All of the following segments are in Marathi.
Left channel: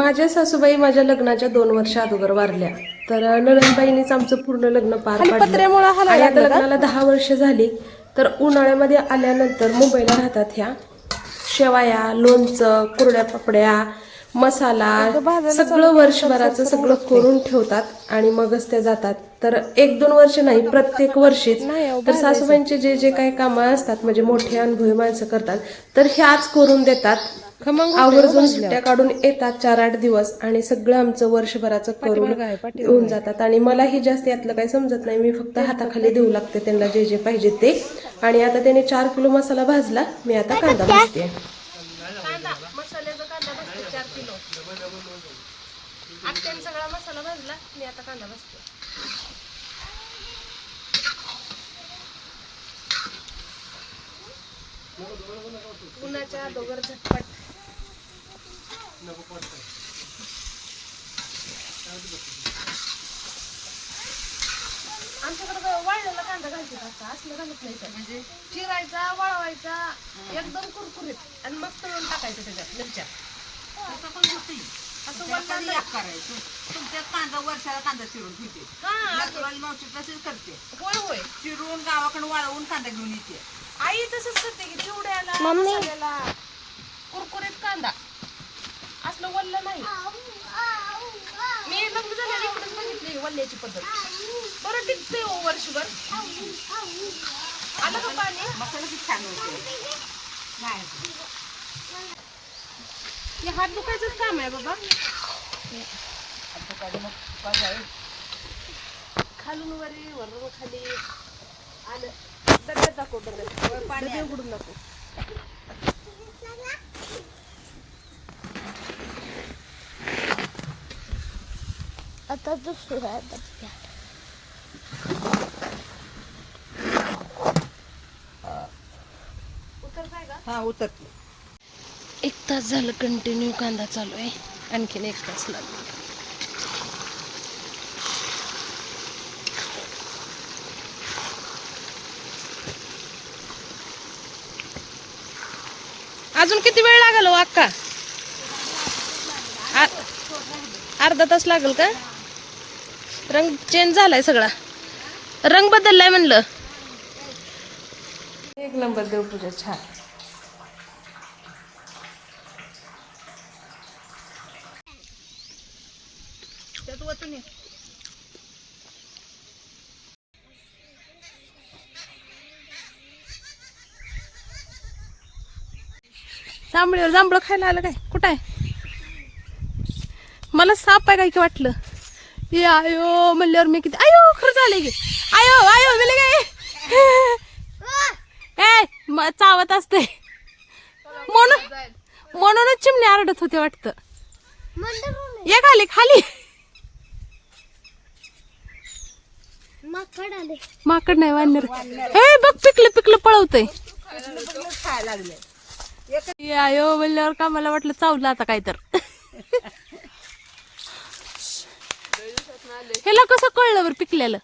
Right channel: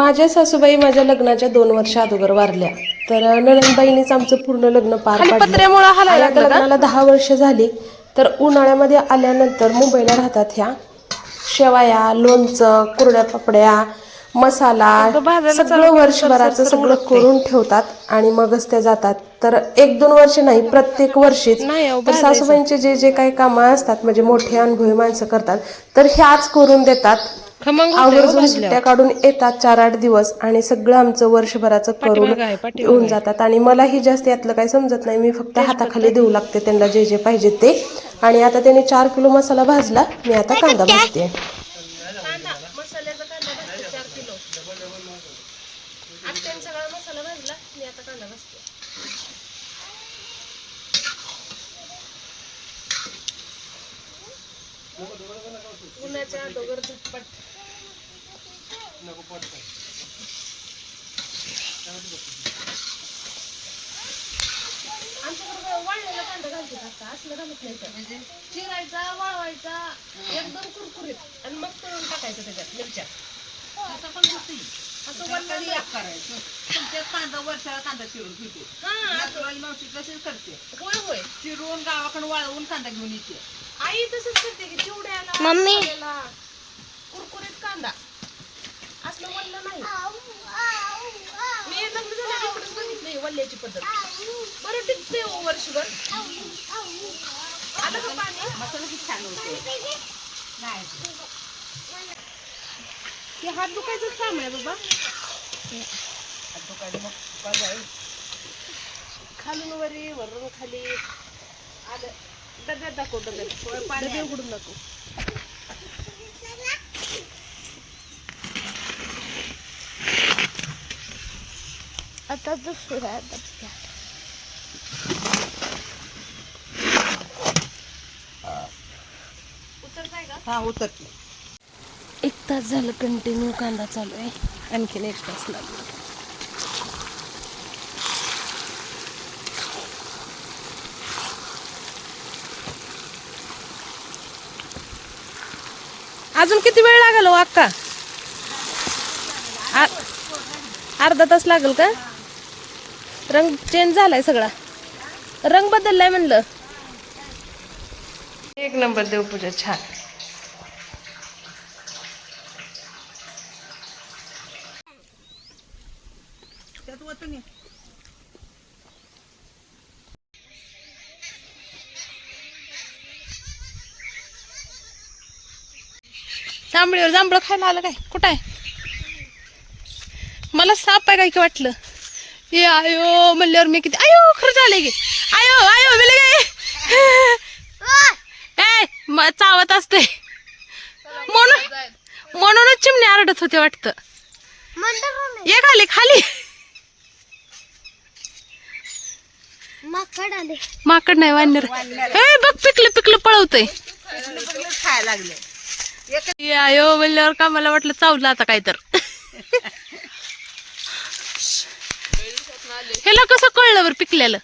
माझ्या सासूबाई माझ्या लग्नाच्या 2 वर्ष अगोदर वारल्या. तर नणंदबाईंनीच आमचं पूर्ण लग्न पार पाडलं आणि आता लग्नाला 10 वर्ष झाली. तर उन्हाळ्यामध्ये आल्यानंतर मुंबईला राहतात ह्या. शेवाया, लोणचं, कुरड्या पापड्या, मसाला सगळं वर्षभराचं सगळं करून ठेवतात आणि मगच त्या जातात. तर 1-2 वर्ष नाही, प्रत्येक वर्षीच. तर सासूबाईंचे जे जे काही कामं असतात म्हणजे मोठे अनुभवी माणसं करतात तर ह्याच करून देतात. आवर्जून सुट्ट्या काढून येतात 4-8 दिवस आणि सगळं आमचं वर्षभराचं करून येऊन जातात. आणि मलाही जास्त यातलं काही समजत नाही, मी फक्त हाताखाली देऊ लागते त्यांना जे जे पाहिजे ते. आणि आता त्याने 4 किलो मसाला भाजला, मी आता कांदा भाजते. मसाल्याचा कांदा भाजते 4 किलो. आत्याने सगळा मसाला भाजला, मी आता कांदा भाजते. उन्हाच्या अगोदर झटपट. आमच्याकडे वाळलेला कांदा घालतात आता, असलं घालत नाही. तर म्हणजे चिरायचा, वळवायचा, एकदम कुरकुरीत आणि मग तळून टाकायचं त्याच्यात मिरच्या. असं पण असं करायचं. तुमच्या कांदा वर्षाला कांदा चिरून घेते. हा, मावशी तशीच करते. होय होय, चिरून गावाकडे वाळवून कांदा घेऊन येते. आई तसंच करते की चिवड्याला कुरकुरीत कांदा, असलं वल्ल नाही. मी लग्न झालं इकडेच बघितली वल्ल्याची पद्धत. बरं टिकते हो वर्षभर. आलं का पाणी? मसाला किती छान होते. हे हात दुखायचंच काम आहे बाबा. खालून वरी वरून खाली आलं. डब्यात दाखव, डबे उघडून दाखव. आता दुसरा डब्या. उतरताय का? हा उतरते. 1 तास झालं कंटिन्यू कांदा चालू आहे, आणखीन 1 तास लागेल. अजून किती वेळ लागेल हो अक्का? अर्धा तास लागेल का? रंग चेंज झालाय सगळा, रंग बदललाय म्हणलं. 1 नंबर देवपूजा छान. जांभळीवर जांभळं खायला आलं काय? कुठं आहे? मला साप आहे काय की वाटलं. ये आयो म्हणल्यावर मी किती आयो खरं झालंय की. आयो आयो मिले काय चावत असते म्हणूनच चिमणी आरडत होते वाटतं. ये खाली खाली. माकड नाही, वानर. हे बघ पिकलं पिकलं पळवतय. खायला लागले. आयो म्हणल्यावर का मला वाटलं चावलं आता काय तर. ह्याला कसं कळलं बरं पिकल्याला?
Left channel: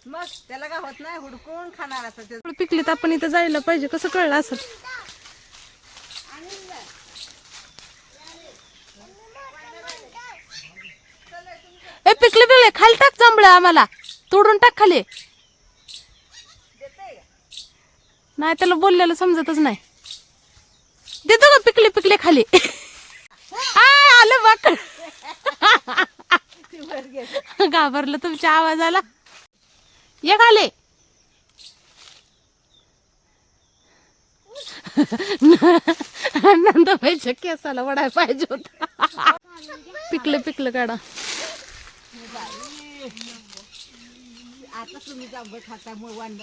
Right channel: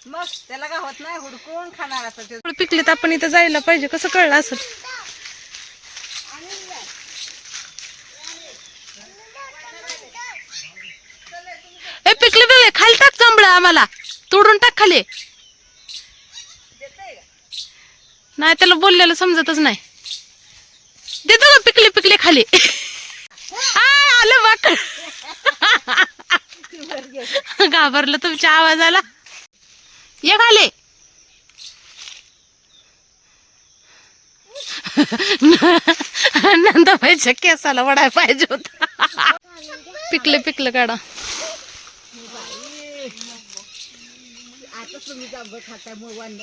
त्याला काय होत नाही, हुडकून खाणार असं. पिकले तर आपण इथं जायला पाहिजे, कसं कळलं असं? ए पिकले पिकले खाली टाक जांभळं, आम्हाला तोडून टाक खाली. नाही त्याला बोललेलं समजतच नाही. देतो का पिकले पिकले खाली? आलं माकड. घाबरलं तुमच्या आवाजाला. ये खाली. नंदाबाईच्या केसाला वडाय पाहिजे होता. पिकले पिकलं काढा.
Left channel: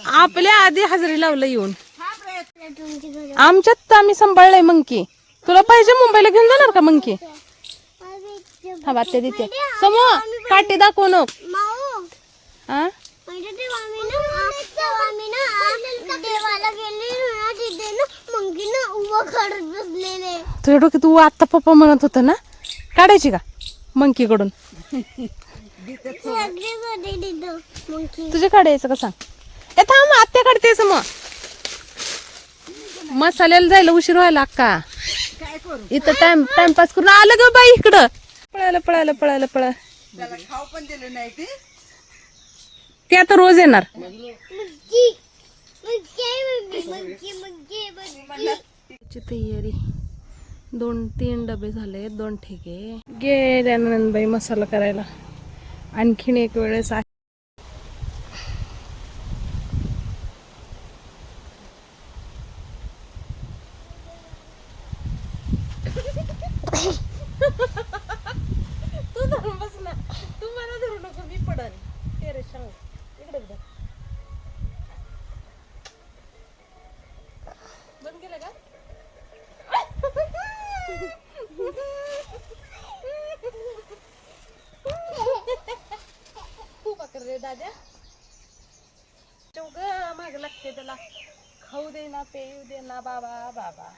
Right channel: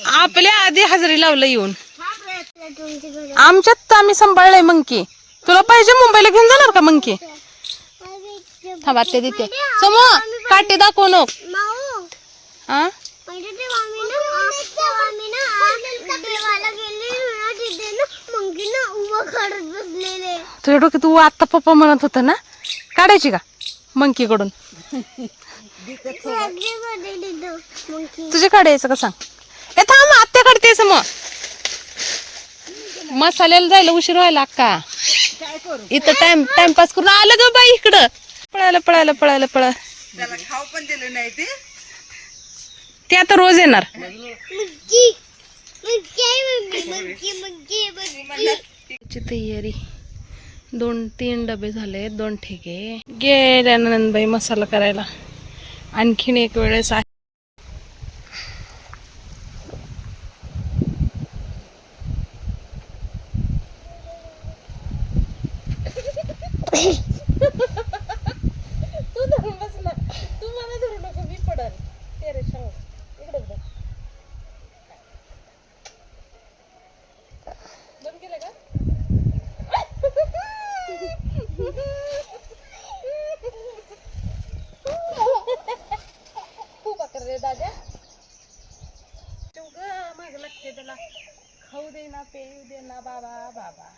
आपल्या आधी हजेरी लावलं येऊन. आमच्यात आम्ही सांभाळलंय मंकी. तुला पाहिजे मुंबईला घेऊन जाणार का मंकी? थांबा ते देते. समो काटे दाखव नो. हा तुझ्या डोक्यात तू आता पप्पा म्हणत होता ना काढायची का मंकी कडून? तुझे काढायचं का सांग? ए थांब आत्या काढतेस मग. मसाल्याला जायला उशीर व्हायला अक्का. इथं टाइमपास करून आलं ग बाई इकडं. पळायला पळायला पळायला पळा. ते आता रोज येणार. तयारी 2-3 डबे झाले, 2 ठेके गेल्या नंदबाई मसाला करायला. आणखीन एक वेळेस तू धरून बस ना, तू मला धरू नको, मी पडल. ते रे सांग इकडे बघ. बंद केलं का? खूप अकर रे दादा. चौघ माग लागते त्याला. खाऊ दे ना, पेऊ दे ना बाबा बाबा.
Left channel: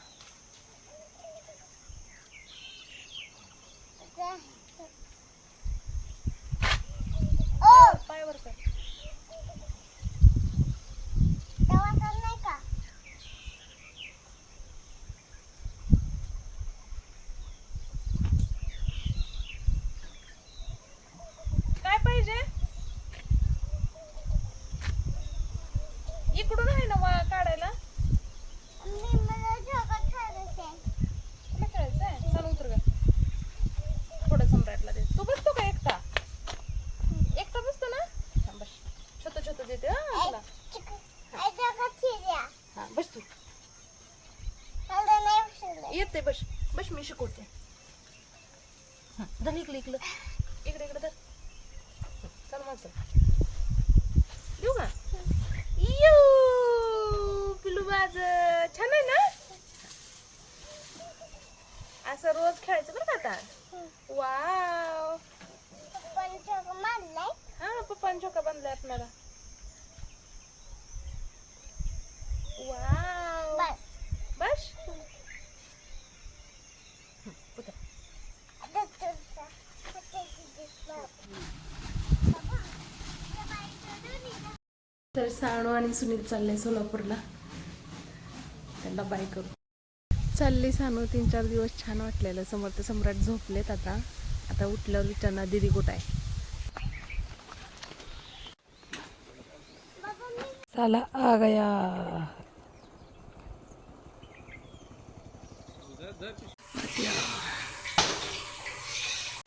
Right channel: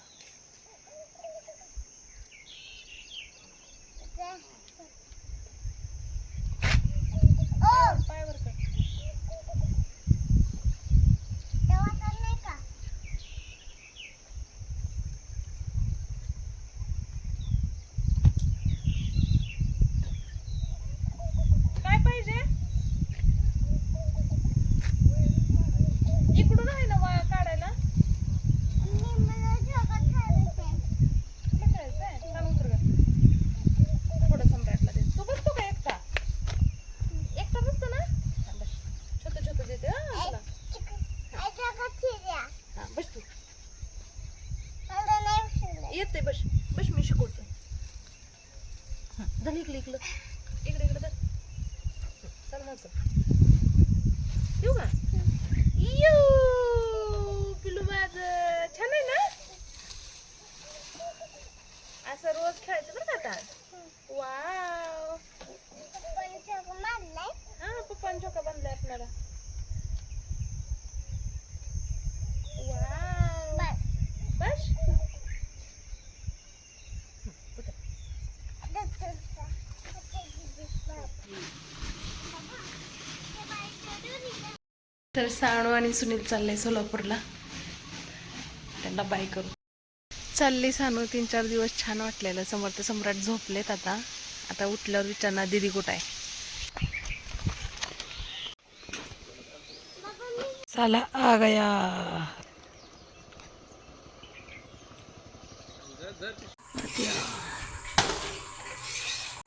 पायावर कर. काय पाहिजे? इकडून आहे ना वा काढायला. खेळायचंय, चल उतर ग. थोडं सम्राटला दे. तू बसतो का एकटा? एकटा बसतो ना? बस. छोटं छोटं देते तुला. हा बस तू. येते बस. बस मी शिकवते. धर इकडे इकडे इकडे इकडे धर. चल मग येऊ का? यू पिलू बाज छान आहे ना. असं रोज खेळायचं बरं का आता. वाव. हा पप्पाने चोका बांधलाय आपल्याला. वाव. बस. तर साणू आणि सुनील चालले सोलापूरला. त्यांना बाय करू चालली सानू. 3-4 दिवस छान वाटलेलं. समर्थ सम्राट झोपलेत आता. आता उठल्यावर विचारणार दीदी कुठं आहे. चला आ गया.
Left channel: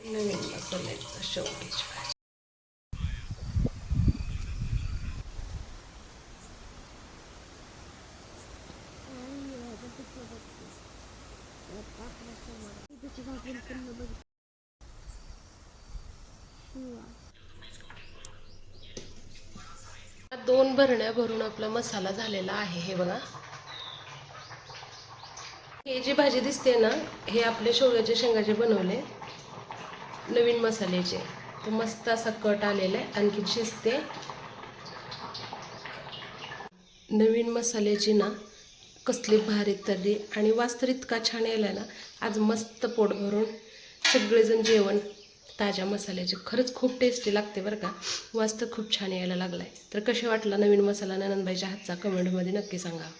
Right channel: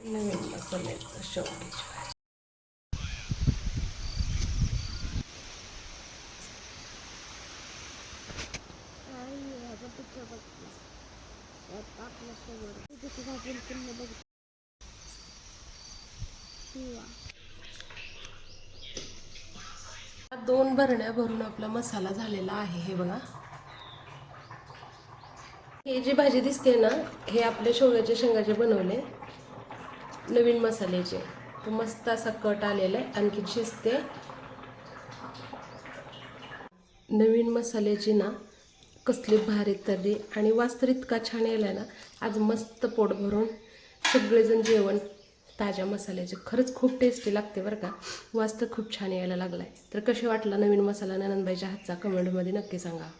नवीन मसाल्याचं शेवटीची भाजी. दोन भरण्या भरून आपला मसाला झालेला आहे. हे बघा, हे जी भाजी दिसते ना, हे आपले शेवग्याच्या शेंगाचे बनवले नवीन मसाल्याचे. तर मस्त असा कट आलेला आहे. आणखी शिजते. नवीन मसाल्याची ना कसली भारी तर्री आणि वास तर इतका छान यायला ना. आज मस्त पोट भरून सगळेजण जेवण ताज्या मसाल्याचे. खरंच खूप टेस्टी लागते बरं का. वास तर खूप छान यायला लागलाय. तर कसे वाटला नवीन मसाला ननंदबाईच्या हातचा कमेंटमध्ये नक्की सांगा.